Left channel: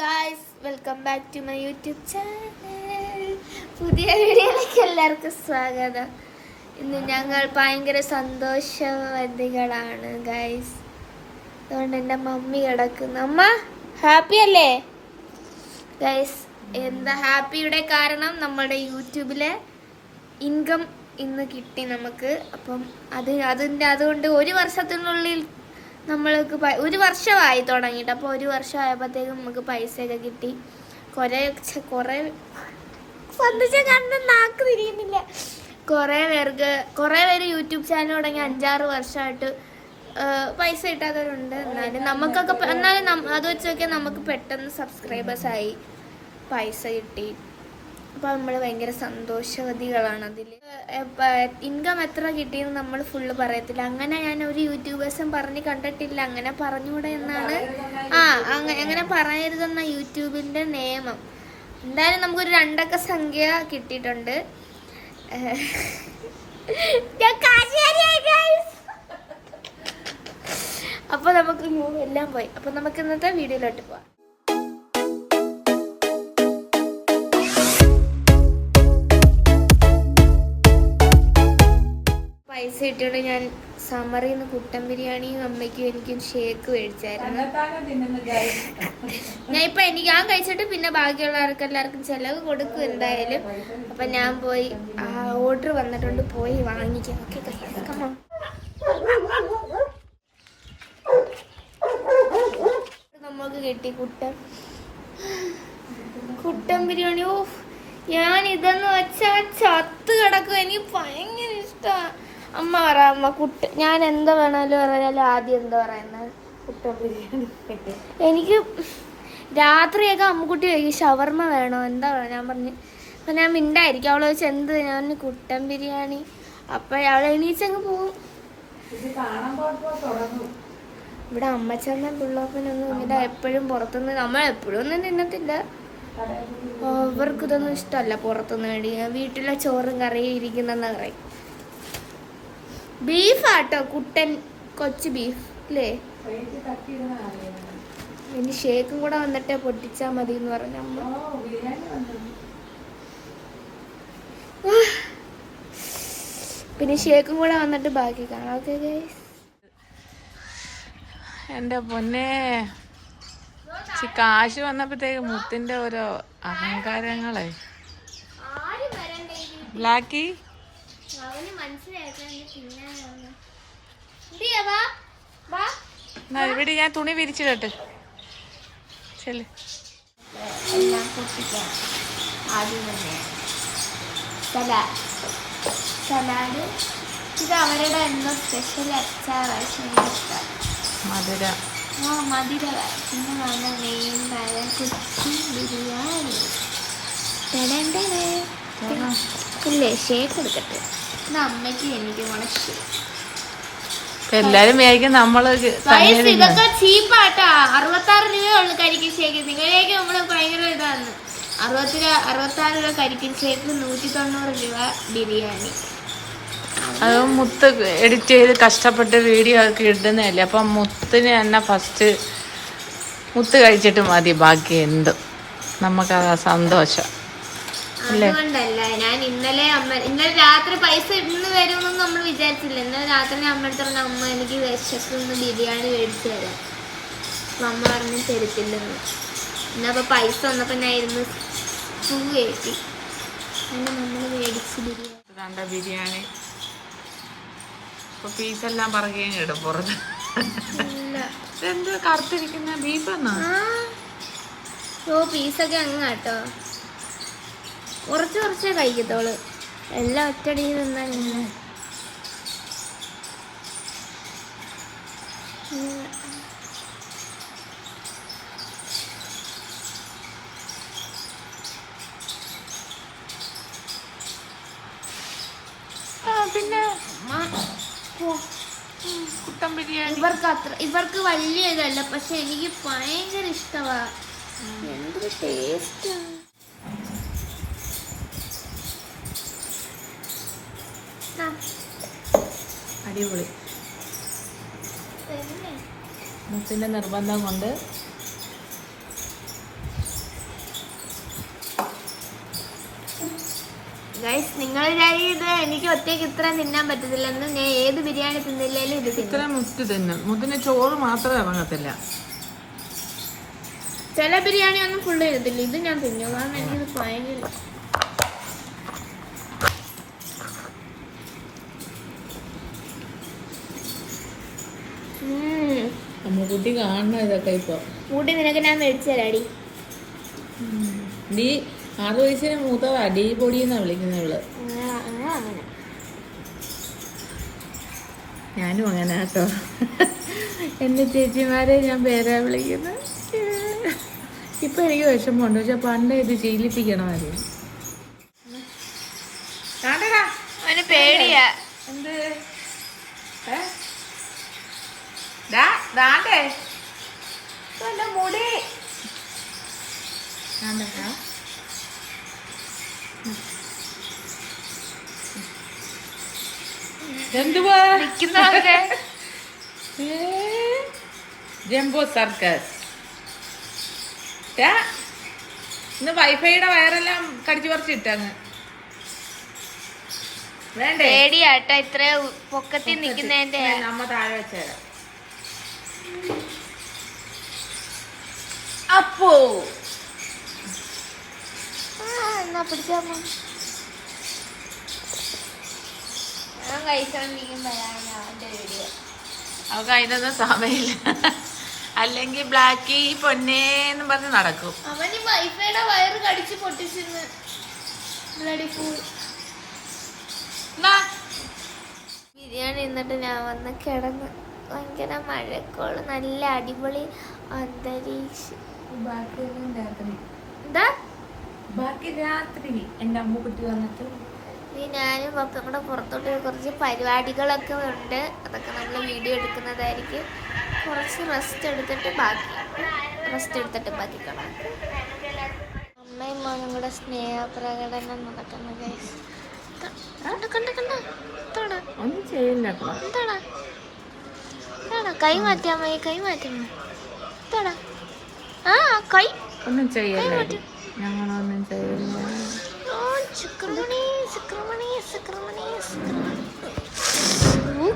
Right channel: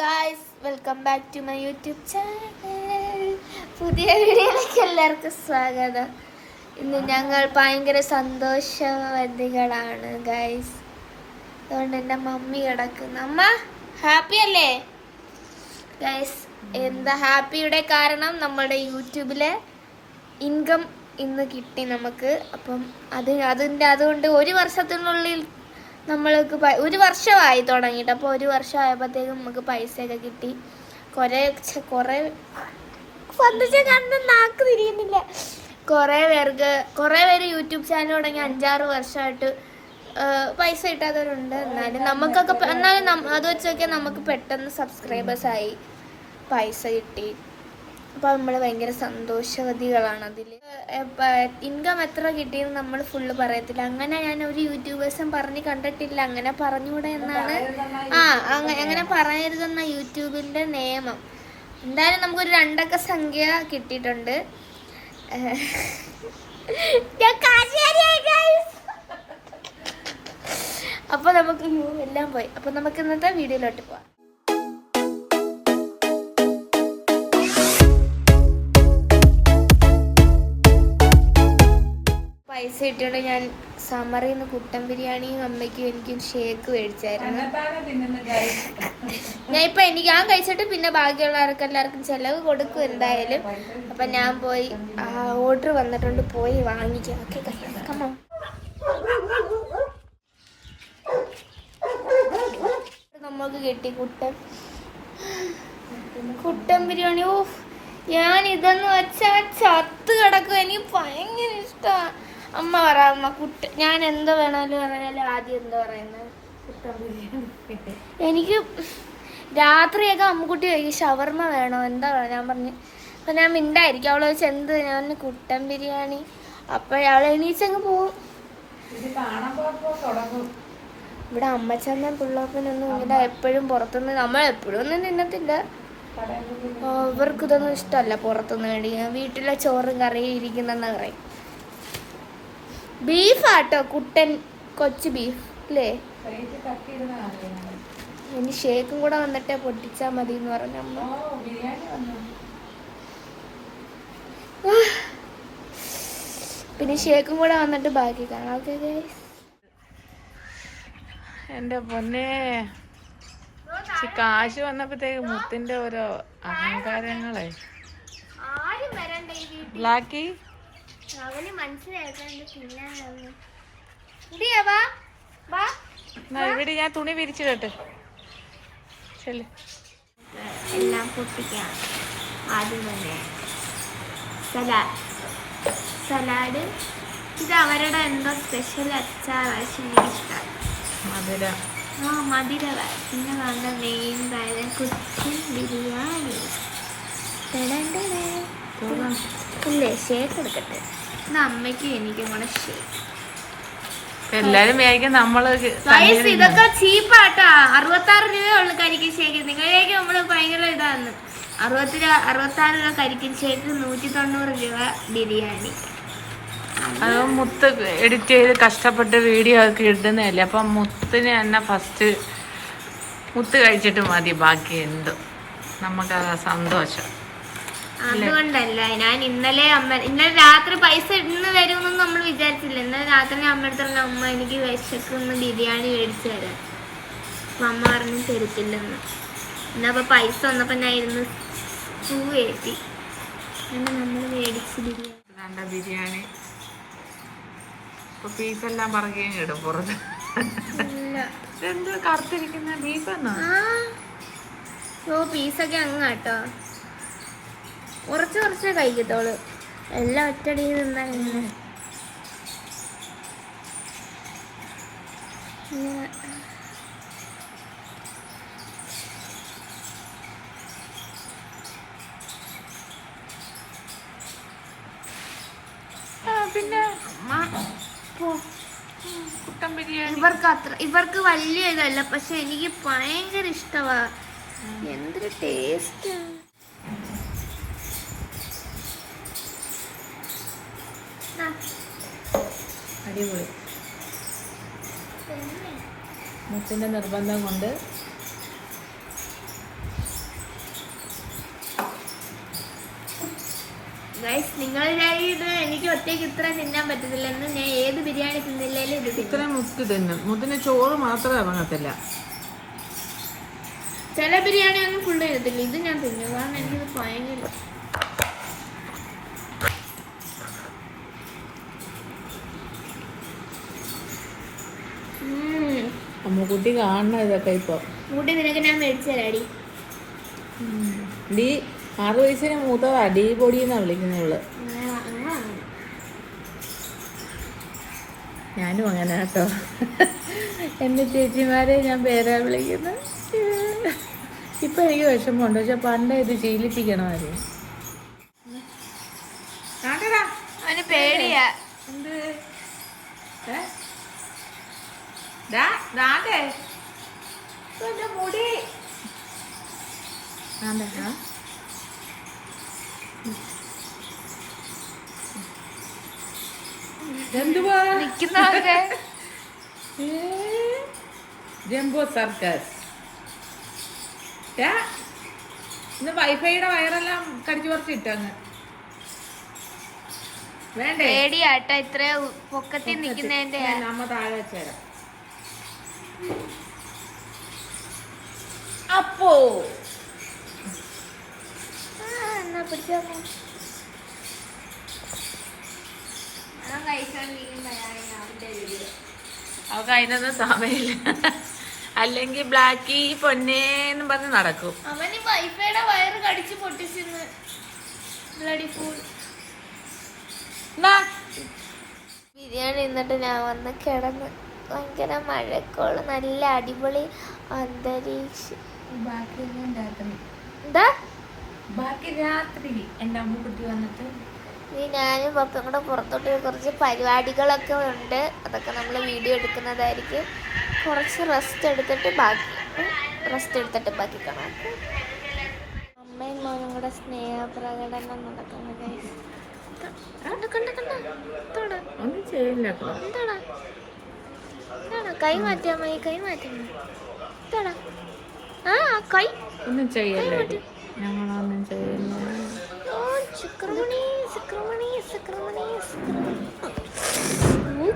Guys, welcome back to my YouTube channel. പുതിയ വീഡിയോയിലേക്ക് എല്ലാവർക്കും സ്വാഗതം. ഇന്ന് ഞങ്ങൾ ഭയങ്കര സന്തോഷവതികളാണ് ഗായ്സ്. അതുകൊണ്ട് എൻ്റെ മമ്മി കിടക്കുന്നു. അമ്മ ഹാപ്പി അല്ലേ ഗായ്സ്? എന്താ ഹാപ്പിയുടെ കാരണം? നമ്മുടെ യൂട്യൂബിലെ ഇൻകം ഇന്ന് കിട്ടി നമുക്ക്. അപ്പം അതുകൊണ്ട് ഒരു വർഷത്തിനുള്ളിൽ നമ്മൾക്ക് ഒരു വർഷമായി തുടങ്ങിയിട്ട്. അപ്പോൾ ഒരു വർഷമായപ്പോഴത്തേക്കും നമുക്ക് പൈസയൊക്കെ കിട്ടി. കുറേ നാക്ക് തിരിയുന്നില്ല. കുറേ പേര് യൂട്യൂബ് ചാനൽ തുടങ്ങി 5-6 വർഷമായിട്ട് പൈസ കിട്ടാത്തവരുണ്ട്. എന്നാലും അത് വെച്ച് നോക്കിയാൽ നമുക്ക് പെട്ടെന്ന് സബ്സ്ക്രൈബേഴ്സായി പൈസ കിട്ടി. അപ്പോൾ നമ്മൾ ഭയങ്കര സന്തോഷവതികളാണ്. അതിൽ ഇൻകം എത്ര കിട്ടിയെന്ന് നമ്മൾ ഫുള്ള് പറയത്തില്ല. അങ്ങനെ ഞാൻ ഒരു യൂട്യൂബേഴ്സും പറഞ്ഞ് കണ്ടിട്ടില്ല. അങ്ങനെ പറഞ്ഞുകൂടെ എന്നാണ് അങ്ങനെ പറയരുതെന്ന യൂട്യൂബിൻ്റെ നിയമം. എന്തായാലും നമുക്കൊരു 2 അക്ക സംഖ്യ കിട്ടിയിട്ടുണ്ട്. അപ്പോൾ നമുക്ക് എല്ലാം പോയി. അപ്പോൾ നമുക്ക് ഇന്നത്തെ വീഡിയോയിലോട്ട് പോവാം. പൈസ കിട്ടിയോണ്ട് ഞാൻ സമറിൽ നിന്ന് കുട്ടൻ ബിരിയാണിയും അമ്മയ്ക്കും എനിക്കും ഷേക്ക് മേടിച്ചായിരുന്നു. ഞാൻ കഴിച്ചിട്ട് പിന്നെ ബാക്കിയുള്ളവർക്ക് എല്ലാവർക്കും ചെലവ് കൊടുക്കും എന്തായാലും. അപ്പൊ ഞാൻ പോയി ഓർഡർ വന്നിട്ടുണ്ട്, പോയി വാങ്ങിക്കാം. ഓക്കെ കമ്മ നമുക്ക് കിട്ടി കുട്ടൻ ബിരിയാണി. ഓ, ഞാൻ ഇതെന്ന് വെച്ചാൽ ചത്ത് കിടക്കും. എനിക്ക് ഭയങ്കര ഇഷ്ടമാണ്. അമ്മ അമ്മ ഞാൻ എന്താ വേണമല്ലോ പറഞ്ഞാലും ആദ്യം എന്താ പറയുന്നത് കുട്ടൻ ബിരിയാണി. എനിക്ക് രാത്രിയൊക്കെ അമ്മക്കുട്ടി കഴിക്കും ഷവർമ്മ വേണോ എന്താ വേണം. ഞാൻ പറഞ്ഞു അപ്പം ഞാൻ മിണ്ടായിരിക്കും. അവളെ വെച്ച് എന്ത് ഞാൻ കുട്ടൻ ബിരിയാണി. അപ്പം അവളെ എണീച്ചങ്ങ് പോവും. ഇവിടെ അമ്മച്ചമ്മ പിള്ളോപ്പനൊന്നും ഇങ്ങനെ എപ്പോഴും പുറത്തുനിന്ന് നമ്മൾ എപ്പോഴും ഒന്നും തിന്നത്തില്ല. ഇവർക്ക് ഇതൊന്നും ഇഷ്ടമല്ല പുറത്തുനിന്ന് മേടിക്കാൻ. വീട്ടിലെ ചോറും കറിയും ഇരിക്കുന്നെന്ന് പറയും. ബീഫാട്ടോ കുട്ടൻ, കൊച്ചു ബീഫ് അല്ലേ? ഇനി ഷേക്കും കൂടെ വന്നിട്ട് പൊട്ടിച്ചാ മതി എന്ന് പറഞ്ഞ അമ്മ. പിന്നെ ഷേക്കും കൂടെ വന്നിട്ട് ബാക്കി കാണാം. Okay guys. എന്റെ പൊന്നെ, കാശ് വന്നപ്പോഴത്തേക്ക് മുത്തിന്റെ ഓരോ അഹങ്കാരങ്ങളെ. ബ്ലാക്കി ഇവിടെ ഞാൻ തുണി വിരിച്ചിടട്ടെ. ചെല്ല്. എല്ലാം പൊട്ടിക്കാം. ആദ്യം സലാഡ്. ഇത് അവരുടെ എന്തോ സ്പെഷ്യൽ അച്ചാറാണ്. മധുര. മധുര. പിന്നെ നല്ല മെയിൻ കാര്യം കൊച്ചിൻ ബിരിയാണി. അല്ലേ ഷേക്ക് എടുക്കട്ടെ. ഇത് അമ്മയ്ക്കും എനിക്കും കൂടെ ഷേക്ക്. എല്ലാരും വിചാരിക്കും നമ്മള് ഇതൊക്കെ ചീപ്പാട്ടാ. 66 രൂപയുള്ളു കരിക്കിൻ ഷേക്ക്. നിങ്ങളിലേക്ക് നമ്മള് ഭയങ്കര ഇതാണ്. 66 രൂപ കരിക്കിൻ ഷേക്ക്, 190 രൂപ ബിരിയാണി. അത് മുത്ത് എഡിറ്റ് ചെയ്ത് കഷ്ടപ്പെട്ട് വീഡിയോ ഒക്കെ ഇടുന്നതല്ലേ. അപ്പം മുത്തിന് തന്നെ ഫസ്റ്റ് മുത്ത് കഴിച്ചിട്ട് മതി ബാക്കി എന്ത്. നമുക്കത് സന്തോഷം. അതുകൊണ്ടല്ല ഞാൻ ഇന്നലെ രാത്രി പൈസ ഇന്ന് വരുമെന്നൊന്നും നമ്മൾ വിചാരിച്ചില്ല. ഇന്നലെ രാത്രി അമ്മ എടുത്തോണ്ട് അമ്മ എനിക്ക് വിശക്കൊന്ന് ബിരിയാണി മേടിച്ചു തരാം. അപ്പൊ അമ്മ പറഞ്ഞ് തരത്തില്ലെന്ന്. എന്നപ്പോ പൈസ വന്നപ്പോ ഞാൻ ഇരുന്ന് പൂ കയറ്റി അങ്ങനെ നമ്മൾ മേടിച്ച് ബിരിയാണി. ഇപ്പൊ പീസെല്ലാം പറയുകയും ഇടും പുറത്ത്. എന്ത് കറുത്തിരിക്കുന്ന ബീഫാണോ? പീസൊക്കെ അങ്ങ് കേട്ടോ. കുറച്ചേ കഴിക്കത്തോളൂ. എല്ലാം ഒറ്റടി നിന്നാൽ പിന്നെ കുട്ടൻ ബിരിയാണി ഇവർക്ക് വലിയ ഇതല്ല, പക്ഷെ എനിക്ക് ഭയങ്കര ഇഷ്ടമാ. എന്തൊരു ടേസ്റ്റ്. അടിപൊളി. മുത്തിന്റെ നിർബന്ധം കൊണ്ട് ഗൈസ് നിങ്ങൾ ഇത് എനിക്ക് ഒറ്റയ്ക്ക് ഇത്ര തിന്നാൻ പറ്റത്തില്ലെന്ന്. ഞാൻ ഏത് ബിരിയാണി തിന്നില്ലേലും ഇത് തിന്നും. ഇത്ര മുത്ത് തിന്നും. മുത്തിന് ചോറ് മാത്രമേ ഇറങ്ങത്തില്ല. ചില ബിരിയാണി ഒന്നും ഫുള്ള് ചെയ്യത്തില്ല. ഇത് ഞാൻ തിന്നു, കാരണം എനിക്കിത് ഭയങ്കര അമ്മുക്കുട്ടി കാണണം ഇതൊക്കെ ഇപ്പൊ. കൂട്ടി നിനക്ക് ഞാൻ മേടിച്ചു തരാടി. ഡി 6 വയസ്സിന് മൂത്തതാ. ഡി പൊടി എന്നാ വിളിക്കുന്നവള്. ഞാനും അങ്ങനെ കേട്ടോ. എന്റെ ചേച്ചിമാരെ ഞാൻ പേരാ വിളിക്കുന്നത്. ഇപ്പൊ എനിക്ക് വിഷമമുണ്ട്, പക്ഷെ പണ്ട് ഇത് ശീലിപ്പിക്കണമായിരുന്നു. അവന് പേടിയാ. എന്ത് മുടി എന്തുവാ നിക്കുന്നതൊക്കെ ജംബോ സർക്കസ്. ഇന്ന് വൈഫൈയുടെ വയറെല്ലാം കടിച്ചു പറിച്ചിട്ടങ്ങ്. വേണ്ടേ? പേടിയാട്ടോ ഇത്ര പൊക്കത്തിൽ നിക്കുന്നതിന്റെ. നമ്മ താഴെ വെച്ചേരാം. അപ്പോ എന്നാ പിടിച്ചോ. അവക്ക് അതിനൊന്നും സമയമില്ല. അല്ലെങ്കിൽ ബ്ലാക്കി പൊന്നേന്ന് പറഞ്ഞ് നടക്കും. അവന് വൈഫൈയുടെ വയറ് കടിച്ച് പൊട്ടിച്ചിന്ന്. ബിരിയാണി എന്നിട്ട് ഞാൻ വന്ന് കിടന്ന്. ഭയങ്കര മഴക്കോള്, നല്ല അടിപൊളി അന്തരീക്ഷം. എന്താ ബാക്കി രാത്രി എന്റെ അമ്മുക്കുട്ടി വന്നിട്ട് ഇനി ഞാനും പപ്പയും കൂടെ പുറത്തോട്ട് കുറച്ച് പരിപാടികളൊക്കെ ഉണ്ട്. അതൊക്കെ നമ്മൾ വീഡിയോ എടുക്കുന്നതായിരിക്കും. കുറച്ച് റെസ്റ്റ് എടുത്തിട്ട് ബാക്കി കാണാം. അമ്മയും മോനും കൂടെ സ്നേഹപ്രകടനം നടക്കുന്ന ഗൈസ്. ഒന്നും ചെയ്യില്ല. എന്താടാ കൈ മാറ്റാൻ മതി, കൈ മാറ്റണം. എന്താടാ കൈ ഒന്നും ചെയ്യല്ല. ഞങ്ങളൊന്നും ചെയ്യില്ല.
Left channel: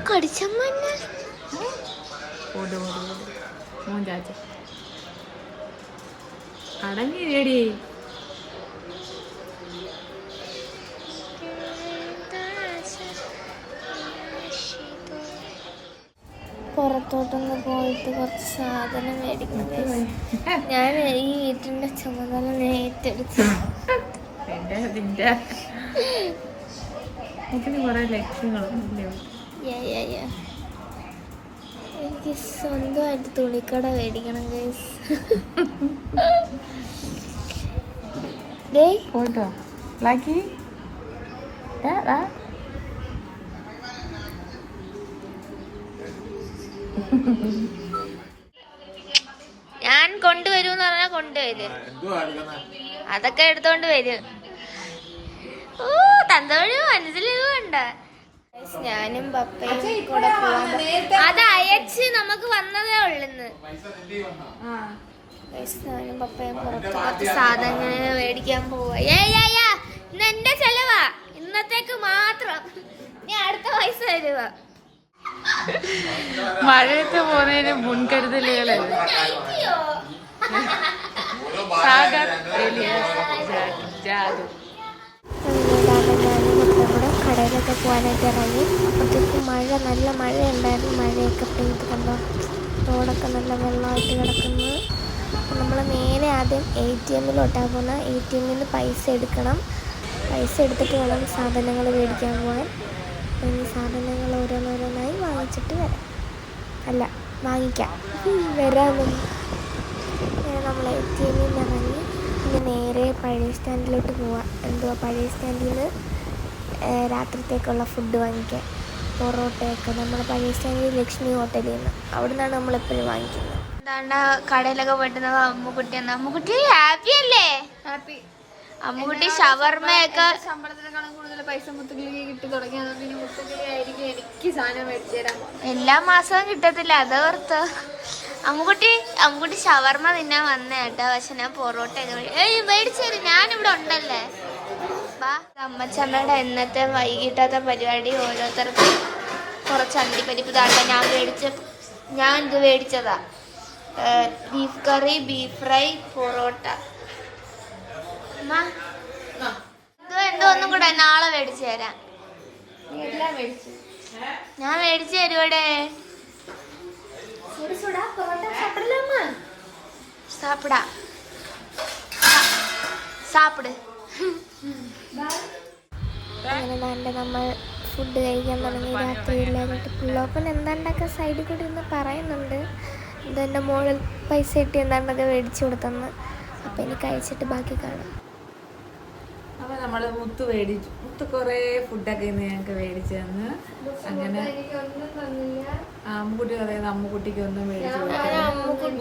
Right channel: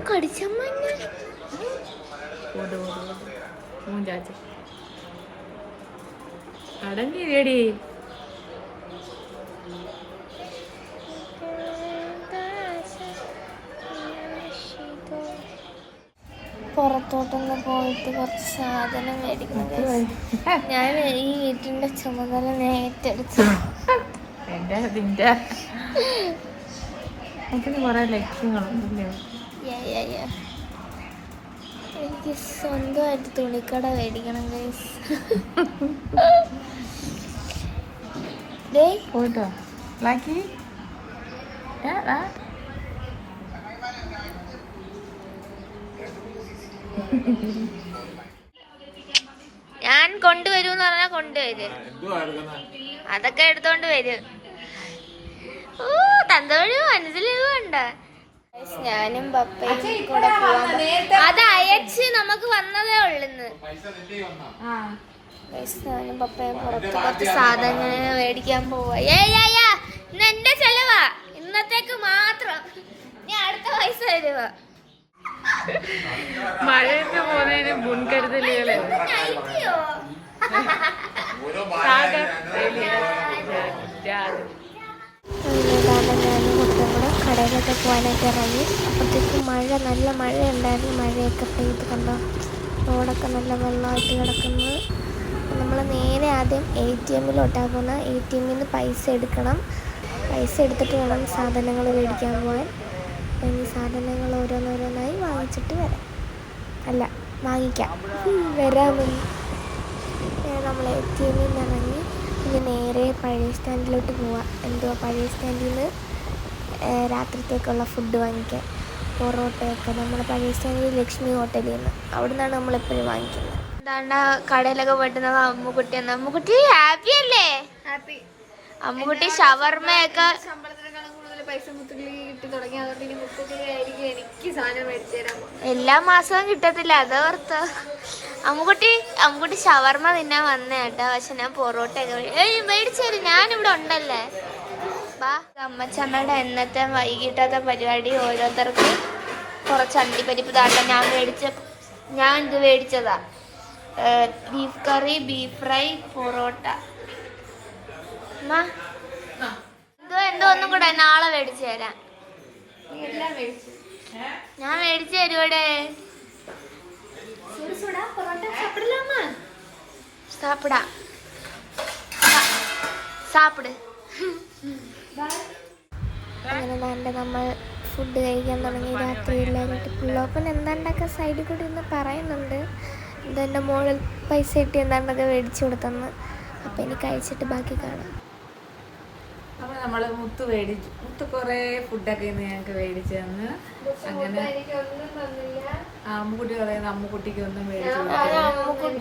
കടിച്ചമ്മ മൂഞ്ചാച്ച അടങ്ങിയിടി. പുറത്തോട്ടൊന്ന് പോയിട്ട് കുറച്ച് സാധനം മേടിക്കണം. ഞാൻ ഈ വീട്ടിന്റെ ചുമതല ഏറ്റെടുത്തു. കുറെ ലക്ഷ്യങ്ങളൊന്നുമില്ല. എനിക്ക് സ്വന്തമായിട്ട് തുണിക്കട മേടിക്കണം ഗൈസ്. പോയിട്ടോ ബ്ലാക്കി. ഞാൻ കൊണ്ടുവരൂന്ന് പറഞ്ഞാ കൊണ്ടുവരും. അതൊക്കെ എടുത്തോണ്ട് വരും. തന്തവഴി മനസ്സിലുണ്ട്. ഞാനും പപ്പയും കൂടെ പോവാൻ. അത് അയച്ച് നമുക്ക് വന്നതേ ഉള്ളു. ഞാനും പപ്പയും പുറത്ത് കുറച്ച് സാധനങ്ങൾ മേടിക്കാൻ പോവാ. ഇന്ന് എന്റെ ചെലവാ, ഇന്നത്തേക്ക് മാത്രം. ഞാൻ അടുത്ത പൈസ തരുവാ. മഴയൊക്കെ പോണേന് മുൻകരുതലുകളല്ലേ. ഞാനും മൊത്തം കൂടെ കടയിലൊക്കെ പോകാനായിട്ട് ഇറങ്ങി. അപ്പോഴത്തേക്ക് നല്ല മഴ ഉണ്ടായിരുന്നു. മഴയൊക്കെ പെയ്ത് കണ്ടോ, റോഡൊക്കെ നല്ല വെള്ളമായിട്ട് കിടക്കുന്നു. നമ്മൾ നേരെ ആദ്യം ATM-ലോട്ടാണ് പോകുന്നത്. ATM-ൽ നിന്ന് പൈസ എടുക്കണം. പൈസ എടുത്തിട്ട് വേണം സാധനങ്ങൾ മേടിക്കാൻ പോകാൻ. ഇനി സാധനങ്ങൾ ഓരോന്നോരോന്നായി വാങ്ങിച്ചിട്ട് വാങ്ങിക്കാം വരാമെന്ന്. നമ്മൾ ATM-ൽ നിന്ന് ഇറങ്ങി ഇനി നേരെ പഴയ സ്റ്റാൻഡിലോട്ട് പോവാം. പഴയ സ്റ്റാൻഡിൽ നിന്ന് രാത്രിത്തേക്കുള്ള ഫുഡ് വാങ്ങിക്കാൻ. പൊറോട്ടയൊക്കെ നമ്മൾ പഴയ സ്റ്റാൻഡിൽ ലക്ഷ്മി ഹോട്ടലിൽ നിന്ന്, അവിടെ നിന്നാണ് നമ്മളെപ്പോഴും വാങ്ങിക്കുന്നത്. എന്താണ്ട് കടയിലൊക്കെ പോയിട്ട് അമ്മുക്കുട്ടി ഹാപ്പി അല്ലേ? ഹാപ്പി. അമ്മുക്കുട്ടി ഷവർമ്മയൊക്കെ പൈസ മുത്തുകിളി കിട്ടി തുടങ്ങി. അതുകൊണ്ട് ഇനി മുത്തുകിളി ആയിരിക്കും എനിക്ക് സാധനം മേടിച്ചു തരാൻ. എല്ലാ മാസവും കിട്ടത്തില്ല, അതോർത്ത്. അമ്മുക്കുട്ടി ഷവർമ്മ തിന്നാൻ വന്നേട്ടാ. പക്ഷെ ഞാൻ പൊറോട്ടയൊക്കെ മേടിച്ചു തരും. ഞാനിവിടെ ഉണ്ടല്ലേ. അമ്മച്ചമ്മയുടെ എന്നത്തെ വൈകിട്ടത്തെ പരിപാടി ഓരോരുത്തർക്ക് കുറച്ച് അണ്ടിപ്പരിപ്പ് താണ്ട. ഞാൻ ഇത് മേടിച്ചതാ. ബീഫ് കറി, ബീഫ് ഫ്രൈ, പൊറോട്ട. എന്തോ ഒന്നും കൂടെ നാളെ മേടിച്ചു തരാം. ഞാൻ മേടിച്ചു തരുവടെ. സാപ്പിടാ സാപ്പിട്. അങ്ങനെ നല്ല നമ്മൾ ഫുഡ് കഴിക്കാൻ തുടങ്ങി. രാത്രിയില്ലാതിട്ട് പുള്ളോപ്പൻ എന്താണ്ടൊക്കെ സൈഡിൽ കൂടി ഇന്ന് പറയുന്നുണ്ട്. ഇതെൻ്റെ മോളിൽ പൈസ കിട്ടി എന്താണ്ടൊക്കെ മേടിച്ചു കൊടുത്തെന്ന്. അപ്പം ഇനി കഴിച്ചിട്ട് ബാക്കി കാണാം. അപ്പൊ നമ്മള് മുത്ത് കൊറേ ഫുഡൊക്കെ ഇന്ന് ഞങ്ങക്ക് മേടിച്ചു തന്ന്. അങ്ങനെ അമ്മുക്കുട്ടി പറയുന്നത് അമ്മുക്കുട്ടിക്ക് ഒന്നും മേടിച്ചു.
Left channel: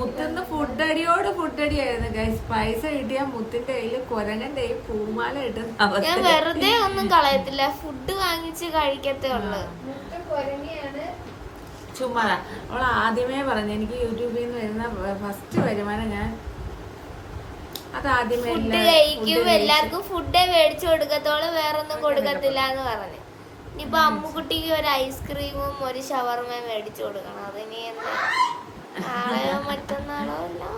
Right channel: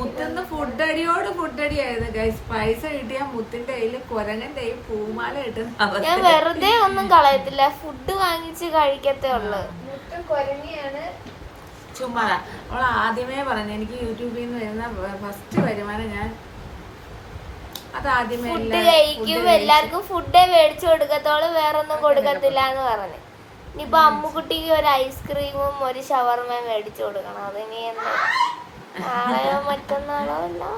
മുത്തിന്ന് ഫുഡടിയായിരുന്നു ഗൈസ്. പൈസ കിട്ടിയ മുത്തിന്റെ കയ്യില് കുരങ്ങന്റെ കയ്യിൽ പൂമാല കിട്ടുന്ന. ഞാൻ വെറുതെ ഒന്നും കളയത്തില്ല, ഫുഡ് വാങ്ങിച്ച് കഴിക്കത്തേ ഉള്ളു. ചുമ്മാ അവൾ ആദ്യമേ പറഞ്ഞു എനിക്ക് യൂട്യൂബിൽ നിന്ന് വരുന്ന ഫസ്റ്റ് വരുമാനം ഞാൻ ഫുഡ് കഴിക്കും, എല്ലാവർക്കും ഫുഡേ മേടിച്ചു കൊടുക്കത്തോളൂ, വേറൊന്നും കൊടുക്കത്തില്ല എന്ന് പറഞ്ഞു. ഇനിയിപ്പൊ അമ്മുക്കുട്ടിക്ക് ഒരു ഐസ്ക്രീമും ഒരു ഷവർമയും മേടിച്ചു കൊടുക്കണം. അതിനി എന്താ നാളെയോ മറ്റന്നാളോ എല്ലാം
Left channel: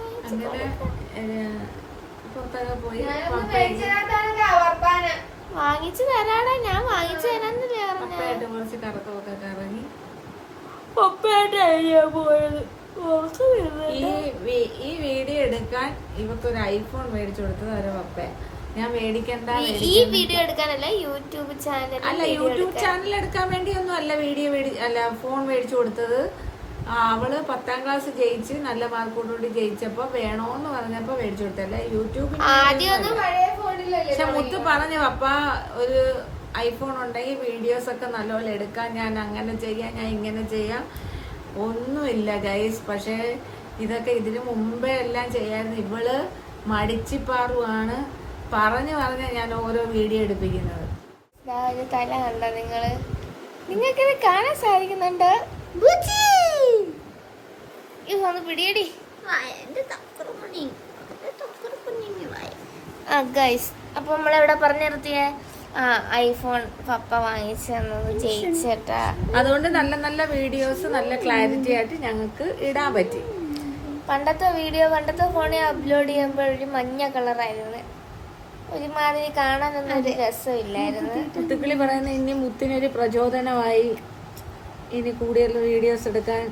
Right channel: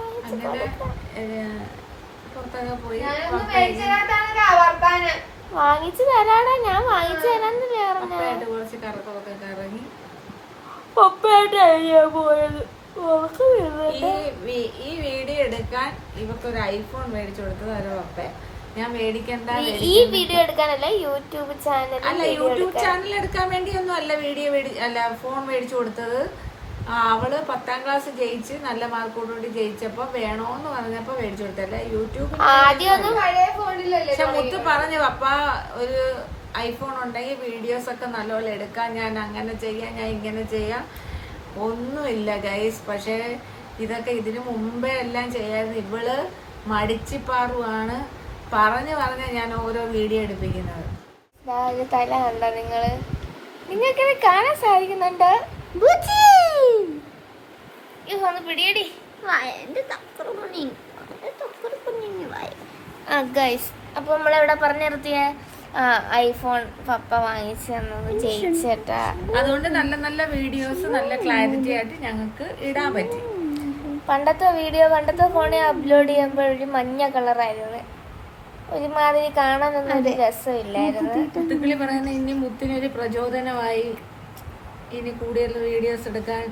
വാങ്ങിച്ചു തരാടാ. ഞാൻ വാങ്ങിച്ചു തരാന്നല്ലേ പറഞ്ഞു. കുറച്ച് കറക്കമൊക്കെ കറങ്ങി പപ്പയായിട്ടാണ് പോയത്. ഈ വീഡിയോ എടുക്കാൻ ഇവക്കൊരു ഐഫോൺ മേടിച്ചു കൊടുത്തത് ഒരു പപ്പ. ഞാൻ മേടിക്കണ്ട. ഈ വീഡിയോ എടുക്കാനല്ല, യൂട്യൂബ് ചാനൽ. അല്ല, യൂട്യൂബ് ചാനൽ എടുക്കാൻ വേണ്ടിയൊന്നും അല്ല വീഡിയോ ഫോൺ മേടിച്ചു കൊടുത്തത്. അവള് 10ാം ക്ലാസ് ജയിച്ച് നല്ല മാർക്കോടുകൂടി ജയിച്ചപ്പോ വേണോന്ന് പറഞ്ഞപ്പോ മേടിച്ചു കൊടുത്തല്ല യൂട്യൂബിൽ. പക്ഷെ മുത്ത് പറഞ്ഞു പപ്പ ഒരു ഐഫോൺ ഉണ്ടെങ്കിൽ വീഡിയോസ് ഒക്കെ നല്ലപോലെ എടുക്കാം, ഞാൻ അങ്ങനെ ചെയ്യാം, ഞാൻ ഇങ്ങനെ ചെയ്യാം. ഒന്നുമില്ല ഗൈസ്. പക്ഷെ ഇതൊക്കെ ഇതിനു മുമ്പേ എല്ലാം ചെയ്യായിരുന്നു. ഇവള് മടിച്ചിപ്പാറുവാണ്. പറഞ്ഞ് ഞാൻ ഓരോ വീഡിയോ എടുപ്പിക്കുന്നത്. തല കണ്ടോ നിങ്ങൾക്ക് കാണാൻ സാധിക്കുന്നുണ്ട്. പിടിയടി ഗൈസ്. അപ്പൊ നമ്മളെവിടെ പറഞ്ഞു നിർത്തിയേ? ഐഫോൺ പപ്പ വാങ്ങിച്ചു തന്നത് ജയിച്ചേട്ടാ. അതുകൊണ്ട് നല്ല നല്ല വീഡിയോസ് നല്ല ക്ലാരിറ്റി ആയിട്ട് ഞങ്ങൾക്ക് ഇടാൻ പറ്റി. പണ്ടത്തെ ഫോണിൽ അപ്ലോഡ് ചെയ്യുമ്പോൾ ഒരു മഞ്ഞ കളറായിരുന്നു. ഒരുമാതിരി കാണാനൊന്നും ഒരു രസമില്ലായിരുന്നു. മുത്തുക്കിളി പറയുന്ന ഇനി മുത്തിനൊരു പ്രചോദനമായി ഇനി കൂടുതൽ വീഡിയോസ് എടുക്കാൻ.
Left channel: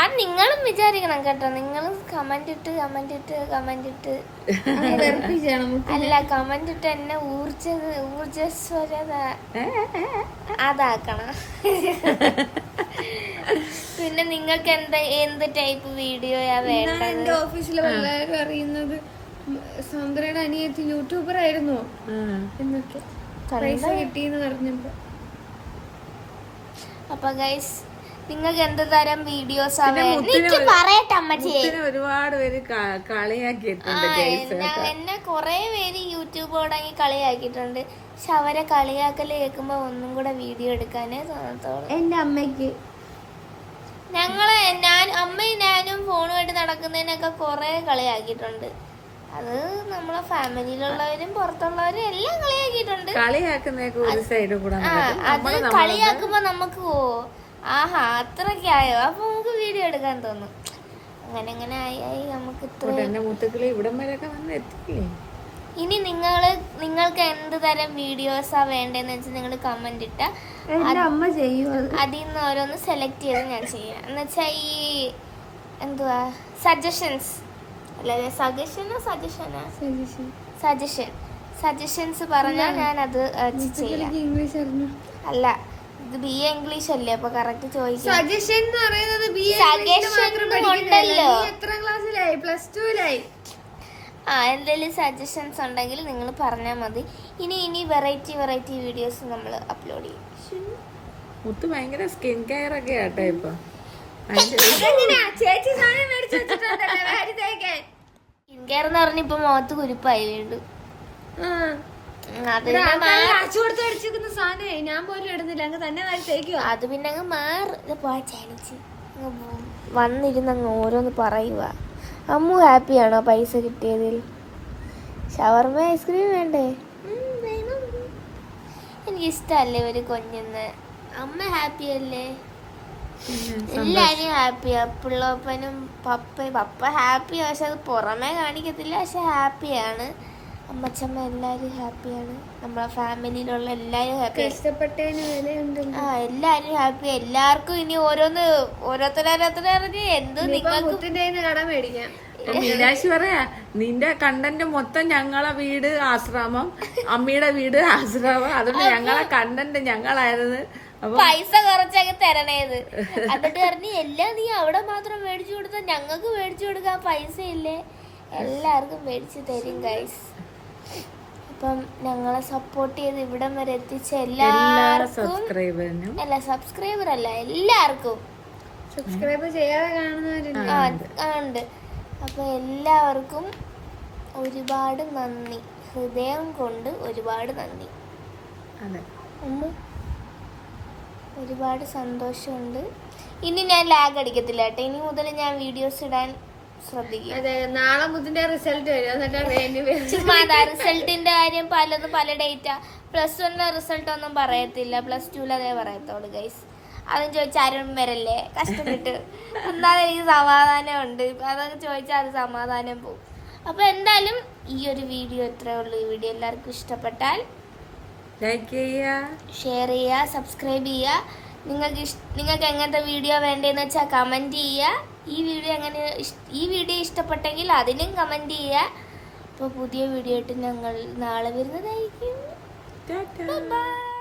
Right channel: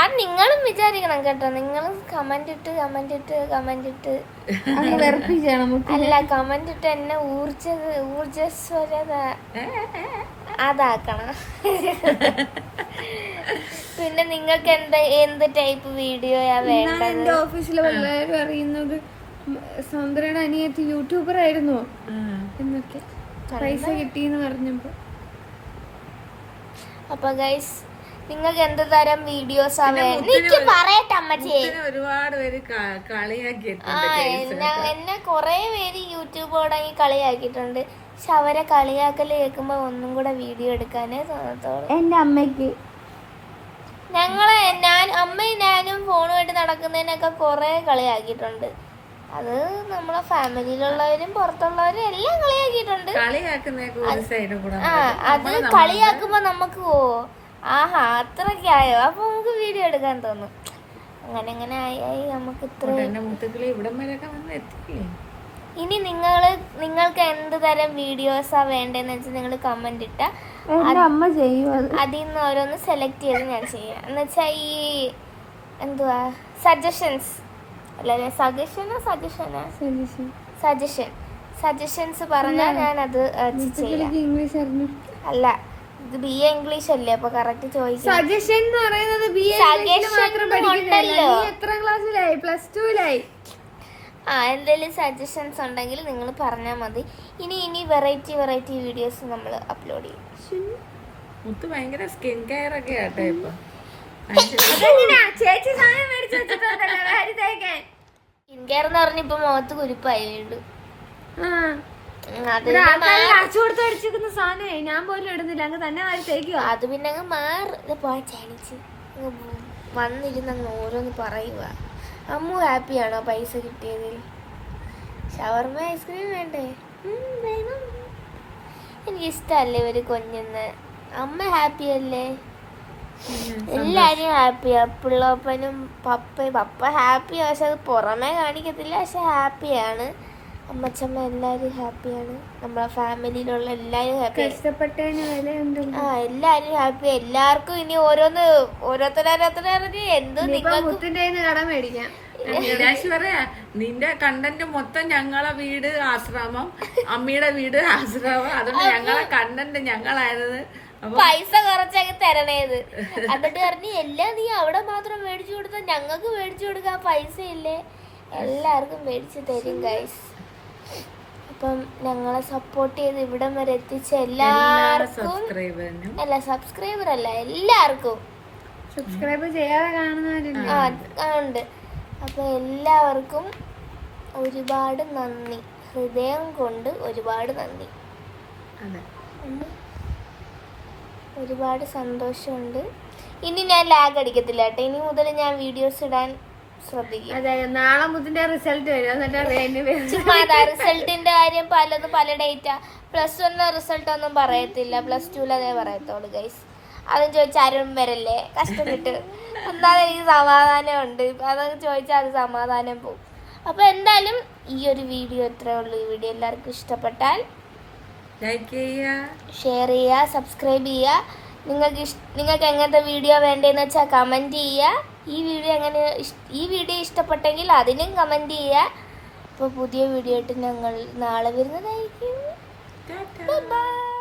അത് നിങ്ങളും വിചാരിക്കണം കേട്ടോ. നിങ്ങളും കമന്റ് ഇട്ട് അല്ല, കമന്റ് ഇട്ട് എന്നെ ഊർജസ്വരത അതാക്കണം. പിന്നെ നിങ്ങൾക്ക് എന്ത് ടൈപ്പ് വീഡിയോയാ വേണ്ടത്? ഓഫീസിലെല്ലാരും അറിയുന്നത് സൗന്ദര്യയുടെ അനിയത്തി യൂട്യൂബർ ആയിരുന്നു എന്നൊക്കെ പൈസ കിട്ടിയെന്ന് പറഞ്ഞപ്പോ. അപ്പൊ ഗൈസ്, നിങ്ങൾക്ക് എന്ത് തരം വീഡിയോസാ വേണ്ടത് പറയട്ടെ അമ്മച്ചി. ഒരുപാട് പേര് എന്നെ കൊറേ പേര് യൂട്യൂബ് തുടങ്ങി കളിയാക്കിയിട്ടുണ്ട്. പക്ഷെ അവരെ കളിയാക്കല് കേൾക്കുമ്പോ ഒന്നും കൂടെ വീഡിയോ എടുക്കാനേ തോന്നത്തോളൂ. എന്റെ അമ്മയ്ക്ക് അമ്മയും ഞാനും ഫോണുമായിട്ട് നടക്കുന്നതിനൊക്കെ കൊറേ കളിയാക്കിയിട്ടുണ്ട്. അത് നമ്മളെ ഫാമിലിയിലുള്ളവരും പുറത്തുള്ളവരും എല്ലാം കളിയാക്കിയിട്ടുണ്ട്. അത് കളിയാക്കുമ്പോ നമുക്ക് ആഹാ അത്രയ്ക്കായോ, അപ്പൊ നമുക്ക് വീഡിയോ എടുക്കാൻ തോന്നും. അങ്ങനെ ആയി നമുക്ക് ഇത്രയും. ഇനി നിങ്ങൾക്ക് എന്ത് തരം വീഡിയോസാ വേണ്ടതെന്ന് വെച്ചാൽ നിങ്ങൾ കമന്റ് ഇട്ട അമ്മ ചെയ്യും. അതിൽ നിന്ന് ഓരോന്ന് സെലക്ട് ചെയ്ത് ഞാൻ ചെയ്യാം. എന്നുവെച്ചാ ഈ എന്തുവാ സജഷൻസ് സജഷൻസ് പറഞ്ഞാൽ ഞാനത് ചെയ്യാം. അല്ല, ഇത് BA ഇംഗ്ലീഷ് അല്ലേ, അപ്പൊ കറക്റ്റ് ചോദിക്കാം. സജഷൻ ഉണ്ടല്ലോ. എത്ര ക്ലാസ്സിലായി? +2 എന്തെങ്കിലും സജഷൻസ് ഉണ്ടെങ്കിൽ നിങ്ങൾ പറഞ്ഞാൽ മതി. ഇനി വെറൈറ്റി വീഡിയോസ് നമ്മൾ അപ്ലോഡ് ചെയ്യും. ഭയങ്കര സ്കിൻ കെയർ ഒക്കെ ആട്ടെ ഇപ്പൊ. സ്കിൻ കെയർ എന്ന് പറഞ്ഞ ഇപ്പൊ മുഖത്ത് കുരുപ്പായിട്ടുണ്ട്. അത് പിന്നെ അങ്ങ് മാറിച്ച് വന്നിരുന്ന് ഓരോന്ന് പറയുക. അമ്മു ഹാപ്പിയാണോ പൈസ കിട്ടിയതിൽ? ഷവർമ ഐസ്ക്രീം വേണ്ടേ? എനിക്കിഷ്ടല്ലേ ഒരു കുഞ്ഞെന്ന്. അമ്മ ഹാപ്പി അല്ലേ? എല്ലാരും ഹാപ്പിയാ. പിള്ളപ്പനും പപ്പ ഹാപ്പിയാ, പക്ഷെ അത് പുറമേ കാണിക്കത്തില്ല, പക്ഷെ ഹാപ്പിയാണ്. അമ്മച്ചമ്മ എല്ലാരും ഹാപ്പിയാണ്. നമ്മളെ ഫാമിലിയിലുള്ള എല്ലാരും ഹാപ്പിയാണ്. എല്ലാരും ഹാപ്പി. എല്ലാവർക്കും ഇനി ഓരോരുത്തരറിഞ്ഞ് എന്ത് നിങ്ങൾക്ക് കടം മേടിക്കാം. മീനാക്ഷി പറയാ, നിന്റെ കണ്ടന്റ് മൊത്തം ഞങ്ങളെ വീട് ആശ്രമം, അമ്മയുടെ വീട് ആശ്രമം, അതുകൊണ്ട് ഞങ്ങളെ കണ്ടന്റ് ഞങ്ങളായിരുന്നു. പൈസ കുറച്ചൊക്കെ തരണേത്. എന്നിട്ട് പറഞ്ഞ് എല്ലാം നീ അവിടെ മാത്രം മേടിച്ചു കൊടുത്താൽ ഞങ്ങൾക്ക് മേടിച്ചു കൊടുക്കാൻ പൈസ ഇല്ലേ? എല്ലാവർക്കും മേടിച്ചു തരും ഗൈസ്. അപ്പം ഞങ്ങളെ സപ്പോർട്ട് ചെയ്ത് ഇവിടം വരെ എത്തിച്ച എല്ലാവർക്കും, അല്ല സബ്സ്ക്രൈബർ അല്ല, എല്ലാവർക്കും സബ്സ്ക്രൈബ് ചെയ്യാതെ കാണുന്നവരില്ല. ഉണ്ട്. അപ്പൊ എല്ലാവർക്കും ഒരുപാട് നന്ദി, ഹൃദയം കൊണ്ട് ഒരുപാട് നന്ദി. ഒരുപാട് സന്തോഷമുണ്ട്. ഇനി ഞാൻ ലാഗ് അടിക്കത്തില്ല കേട്ടോ. ഇനി മുതൽ ഞാൻ വീഡിയോസ് ഇടാൻ ശ്രദ്ധിക്കും. നാളെ മുതിന്റെ റിസൾട്ട് വരും. ചുമ്മാ റിസൾട്ടിന്റെ കാര്യം പലത് പല ഡേറ്റാ. +1 റിസൾട്ട് ഒന്നും പറയത്തില്ല, +2 അതേ പറയത്തോളൂ ഗൈസ്. അതും ചോദിച്ചാൽ ആരും വരല്ലേ, കഷ്ടം കിട്ടും. എന്നാലും എനിക്ക് സമാധാനം ഉണ്ട്. അതൊക്കെ ചോദിച്ചാൽ അത് സമാധാനം പോകും. അപ്പൊ എന്തായാലും ഈ ഒരു വീഡിയോ ഇത്രേ ഉള്ളൂ. ഈ വീഡിയോ എല്ലാവർക്കും ഇഷ്ടപ്പെട്ടാൽ ലൈക്ക് ചെയ്യുക, ഷെയർ ചെയ്യുക, സബ്സ്ക്രൈബ് ചെയ്യുക. നിങ്ങൾക്ക് എങ്ങനത്തെ വീഡിയോ വേണ്ടതെന്ന് വെച്ചാൽ കമൻറ്റ് ചെയ്യുക. ഈ വീഡിയോ ഇഷ്ടപ്പെട്ടെങ്കിൽ അതിനും കമൻറ്റ് ചെയ്യുക. അപ്പോൾ പുതിയ വീഡിയോ ആയിട്ട് ഞങ്ങൾ നാളെ വരുന്നതായിരിക്കും. ബൈ.